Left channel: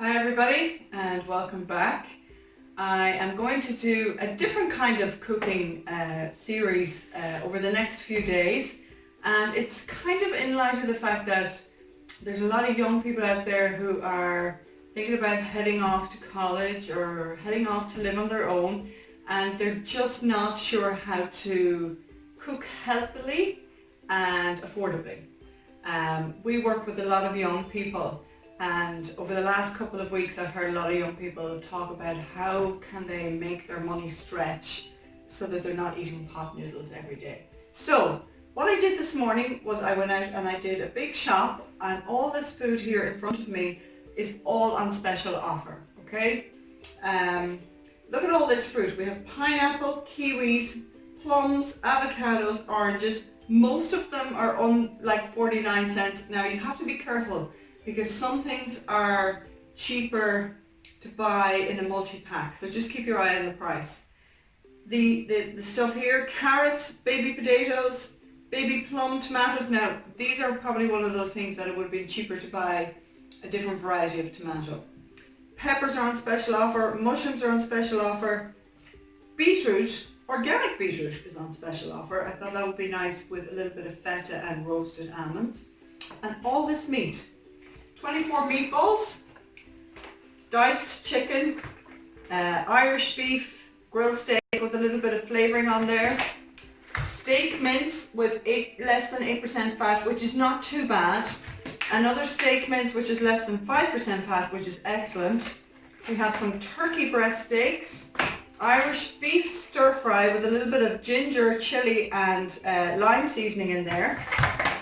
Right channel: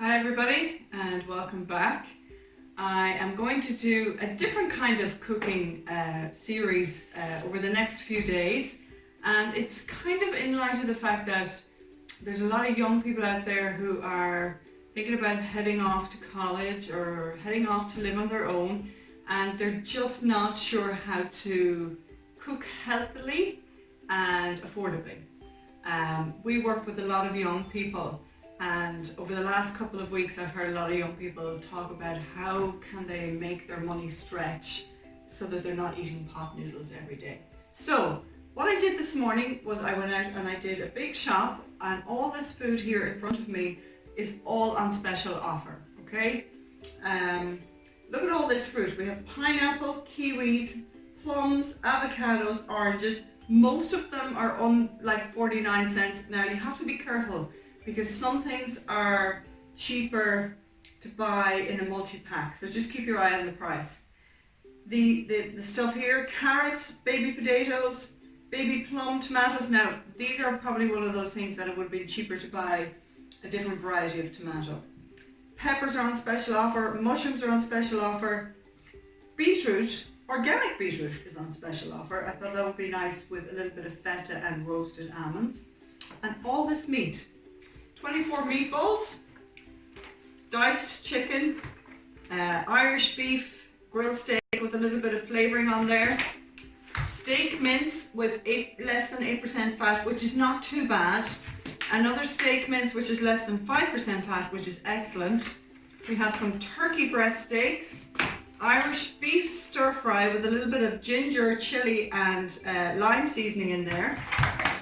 Hi everybody and welcome back. I am going to do a different kind of cooking series over the next few days, and it's kind of in light of the fact that there's a lot of young people out there who are thinking about heading off to college or heading off to live on their own, and they're just not sure how to cook healthily and affordably. We work with a lot of young people, and over the last couple of weeks I've heard a lot of young people talk about how can they make their money stretch so that they're not eating pot noodles every day. So what I did this morning was I went out and I did a big shop, and all this food here in front of me is all on special offer, okay? Look at all this fruit. We have pineapple, kiwis, plums, avocados, oranges. Most of them are on like 49 cents. Now you have to be careful because some things are cheaper to buy in a multi-pack, so just keep your eye on the price. The stuff here, carrots, baby potatoes, baby plum, tomatoes. Now these are probably one of those things that it would have been cheaper to buy a different variety of tomato. Peppers are on special offer, mushrooms are on special offer, beetroot, organic beetroot is on special offer. I thought that would be nice with a little bit of feta and roasted almonds. And all this meat, 24 meatballs, diced chicken, Irish beef, grilled steak with a little bit of flavouring on there, steak mince with less than 8% fat, which is not too bad, another steak mince which is less than 5% fat, which is excellent. We have some turkey breast steaks, Irish beef stir fry with a little bit of ginger, chilli and lime seasoning in there.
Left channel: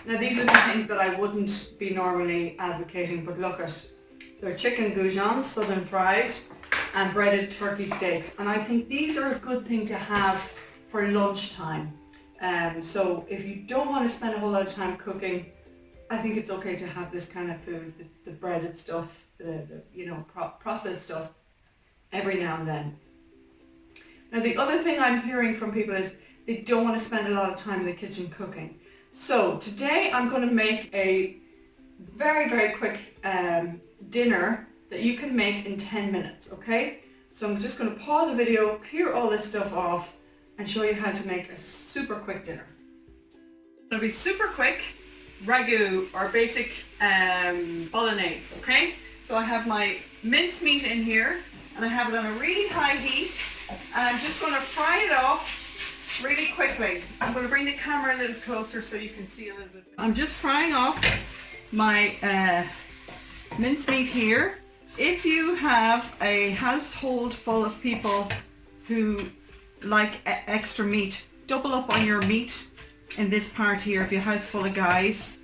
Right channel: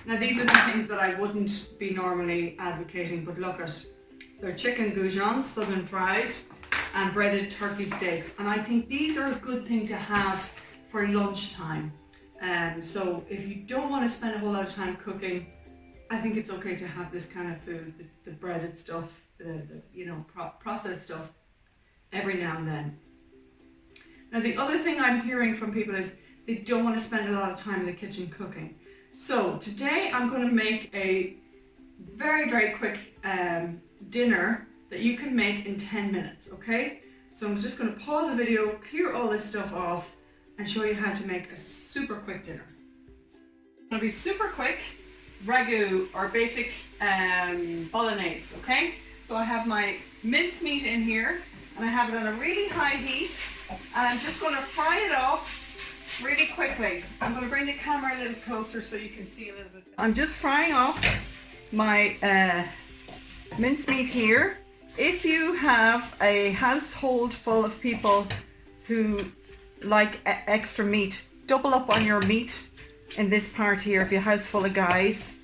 Now these are the things that I wouldn't be normally advocating, but look at, they're chicken goujons, southern fried, and breaded turkey steaks. And I think these are a good thing to have for lunchtime. So if you don't want to spend a whole lot of time cooking, I think it's okay to have this kind of food, the breaded stuff, the processed stuff, every now and then. Now the other thing I'm hearing from people is they don't want to spend a lot of time in the kitchen cooking. So today I'm going to make a very, very quick dinner that you can make in 10 minutes, okay? So I'm just going to pause the video, clear all this stuff off, and show you how to make a super quick dinner. It's going to be super quick ragu or basic bolognese, okay? So I have my minced meat in here, and I have it on a really high heat, and I'm just going to fry it off really quickly. I'm going to bring the camera a little closer so you can see a little bit. I'm just frying off my mincemeat here. If you have a household full of people who like extra meat, double up on your meat in this part here. If you have a house full of guys,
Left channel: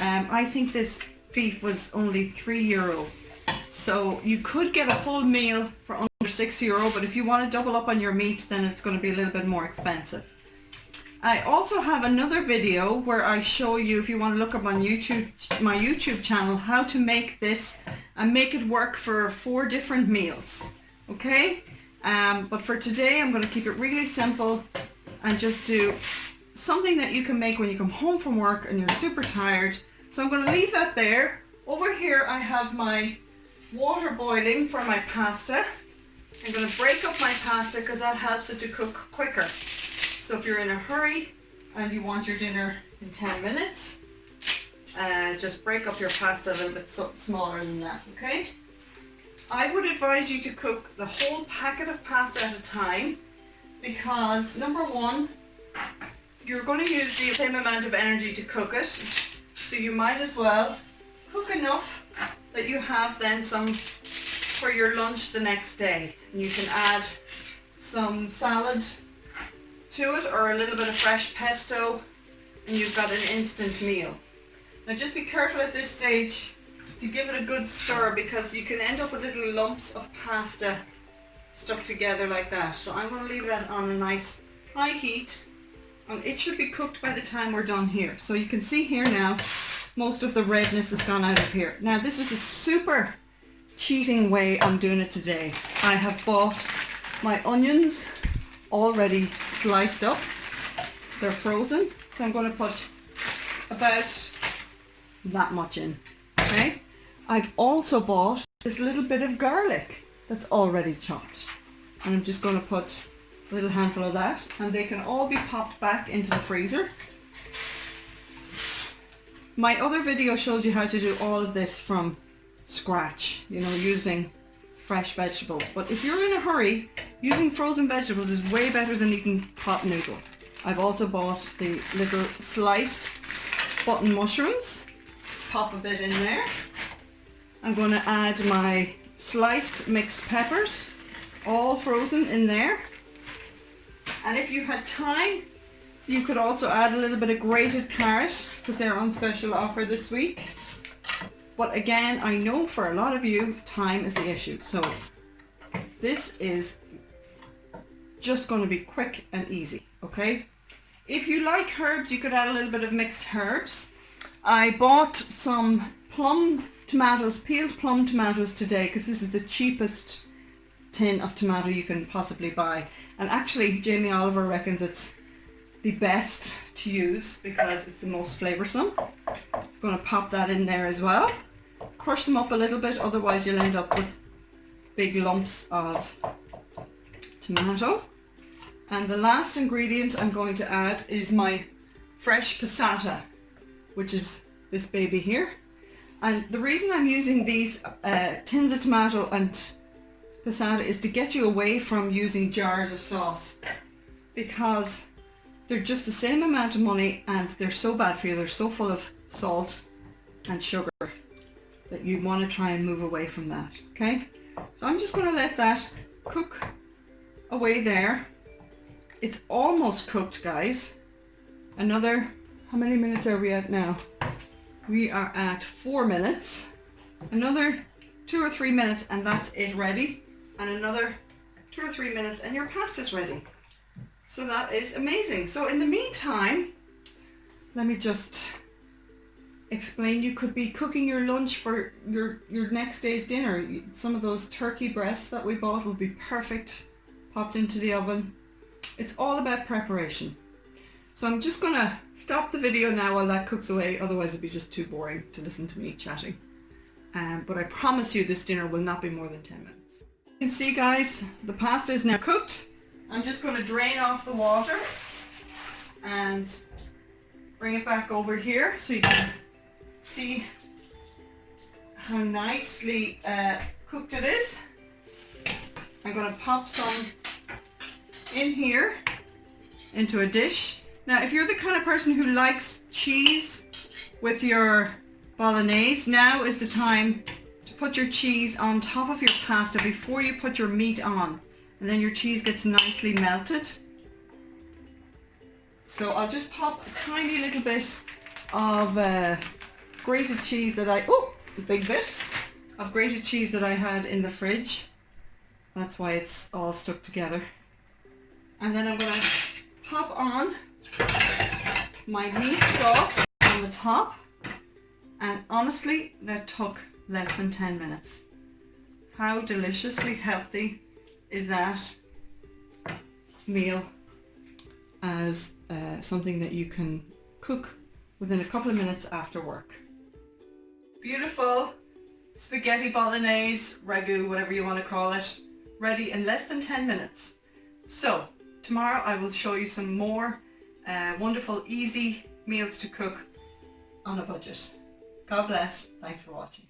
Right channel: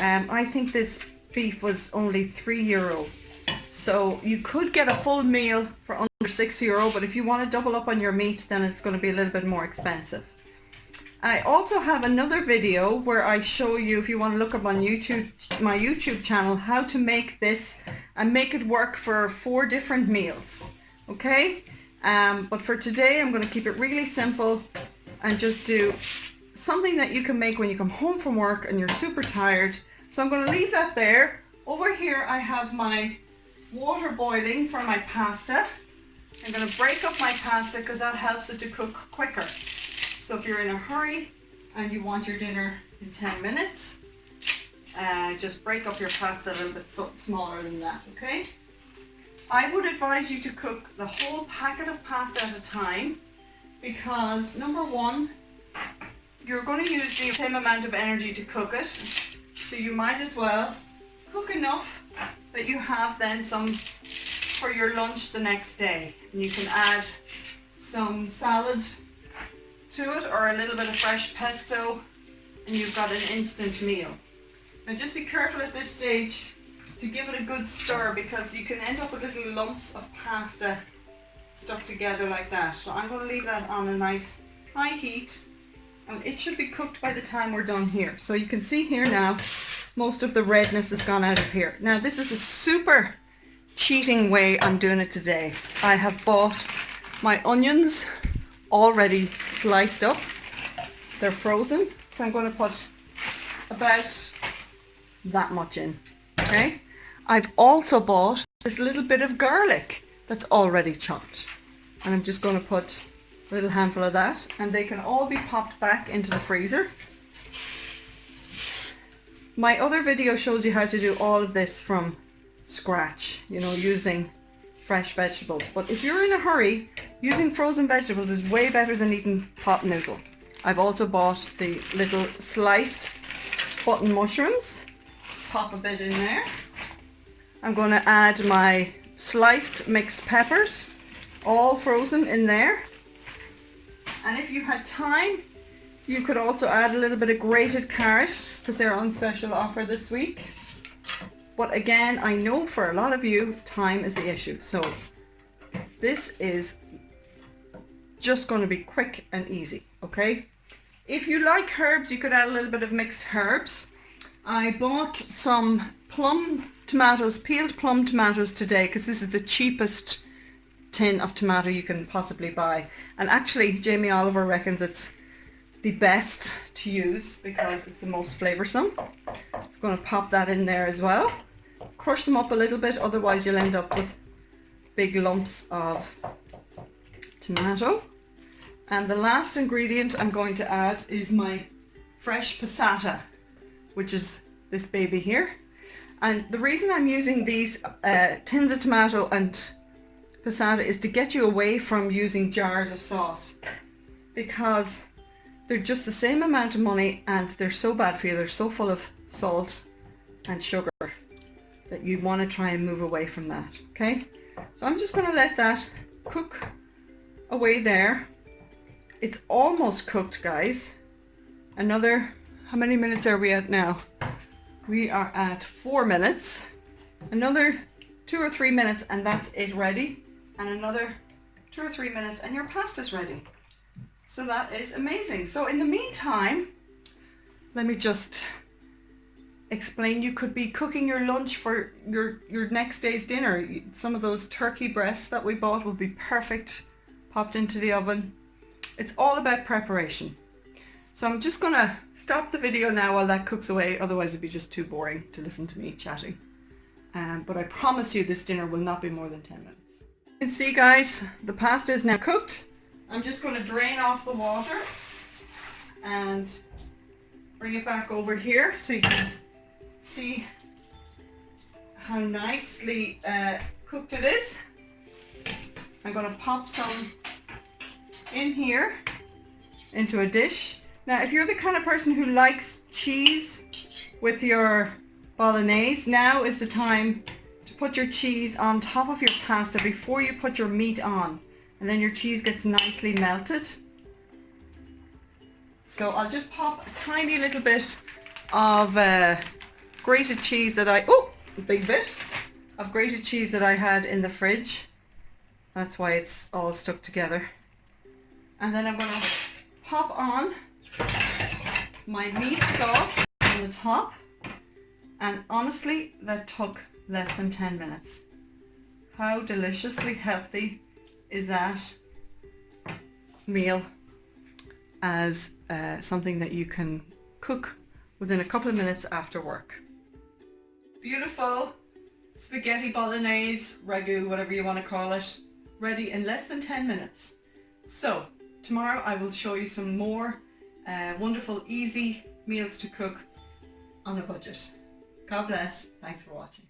I think this beef was only €3. So you could get a full meal for under €6, but if you want to double up on your meat, then it's going to be a little bit more expensive. I also have another video where I show you, if you want to look up on YouTube, my YouTube channel, how to make this and make it work for 4 different meals. Okay? But for today, I'm going to keep it really simple and just do something that you can make when you come home from work and you're super tired. So I'm going to leave that there. Over here, I have my water boiling for my pasta. I'm going to break up my pasta because that helps it to cook quicker. So if you're in a hurry and you want your dinner in 10 minutes, just break up your pasta a little bit smaller than that, okay? I would advise you to cook the whole packet of pasta at a time because, number one, you're going to use the same amount of energy to cook it, so you might as well cook enough that you have then some for your lunch the next day. And you can add some salad to it or a little bit of fresh pesto, and you've got an instant meal. Now just be careful at this stage to give it a good stir because you can end up with little lumps of pasta stuck together like that. So I'm going to leave that on a nice high heat, and it should be cooked by the time we're done here. So you can see here now most of the redness has gone out of here. Now this is a super cheating way I'm doing it today. I have bought my onions already sliced up. They're frozen, so I'm going to put about that much in. Okay, I've also bought this little bit of garlic that's already chopped. And I'm just going to put a little handful of that, and they can all be popped back into the freezer. My other video shows you how to do all of this from scratch, you know, using fresh vegetables. But if you're in a hurry, using frozen vegetables is way better than eating pot noodle. I've also bought the little sliced button mushrooms. Pop a bit in there. I'm going to add my sliced mixed peppers, all frozen in there. And if you had time, you could also add a little bit of grated carrot because they're on special offer this week. But again, I know for a lot of you, time is the issue. So this is just going to be quick and easy, okay? If you like herbs, you could add a little bit of mixed herbs. I bought some plum tomatoes, peeled plum tomatoes today because this is the cheapest tin of tomato you can possibly buy. And actually, Jamie Oliver reckons it's the best to use because it's the most flavoursome. It's going to pop that in there as well. Crush them up a little bit, otherwise you'll end up with big lumps of tomato. And the last ingredient I'm going to add is my fresh passata, which is this baby here. And the reason I'm using these tins of tomato and passata is to get you away from using jars of sauce, because they're just the same amount of money and they're so bad for you. They're so full of salt and sugar that you want to try and move away from that, okay? So I'm just going to let that cook away there. It's almost cooked, guys. Another, how many minutes are we at now? We are at 4 minutes. Another 2 or 3 minutes and that's it ready. And another 2 or 3 minutes and your pasta's ready. So that is amazing. So in the meantime, let me just explain. You could be cooking your lunch for your next day's dinner. Some of those turkey breasts that we bought will be perfect, popped into the oven. It's all about preparation. So I'm just gonna stop the video now while that cooks away, otherwise it'd be just too boring to listen to me chatting. But I promise you this dinner will not be more than 10 minutes. You can see, guys, the pasta is now cooked. I'm just going to drain off the water and bring it back over here so you can see how nicely cooked it is. I'm going to pop some in here into a dish. Now, if you're the kind of person who likes cheese with your bolognese, now is the time to put your cheese on top of your pasta before you put your meat on, and then your cheese gets nicely melted. So I'll just pop a tiny little bit of grated cheese that a big bit of grated cheese that I had in the fridge. That's why it's all stuck together. And then I'm going to pop on my meat sauce on the top. And honestly, that took less than 10 minutes. How deliciously healthy is that meal as something that you can cook within a couple of minutes after work. Beautiful spaghetti bolognese, ragu, whatever you want to call it, ready in less than 10 minutes. So tomorrow I will show you some more wonderful, easy meals to cook on a budget. God bless. Thanks for watching.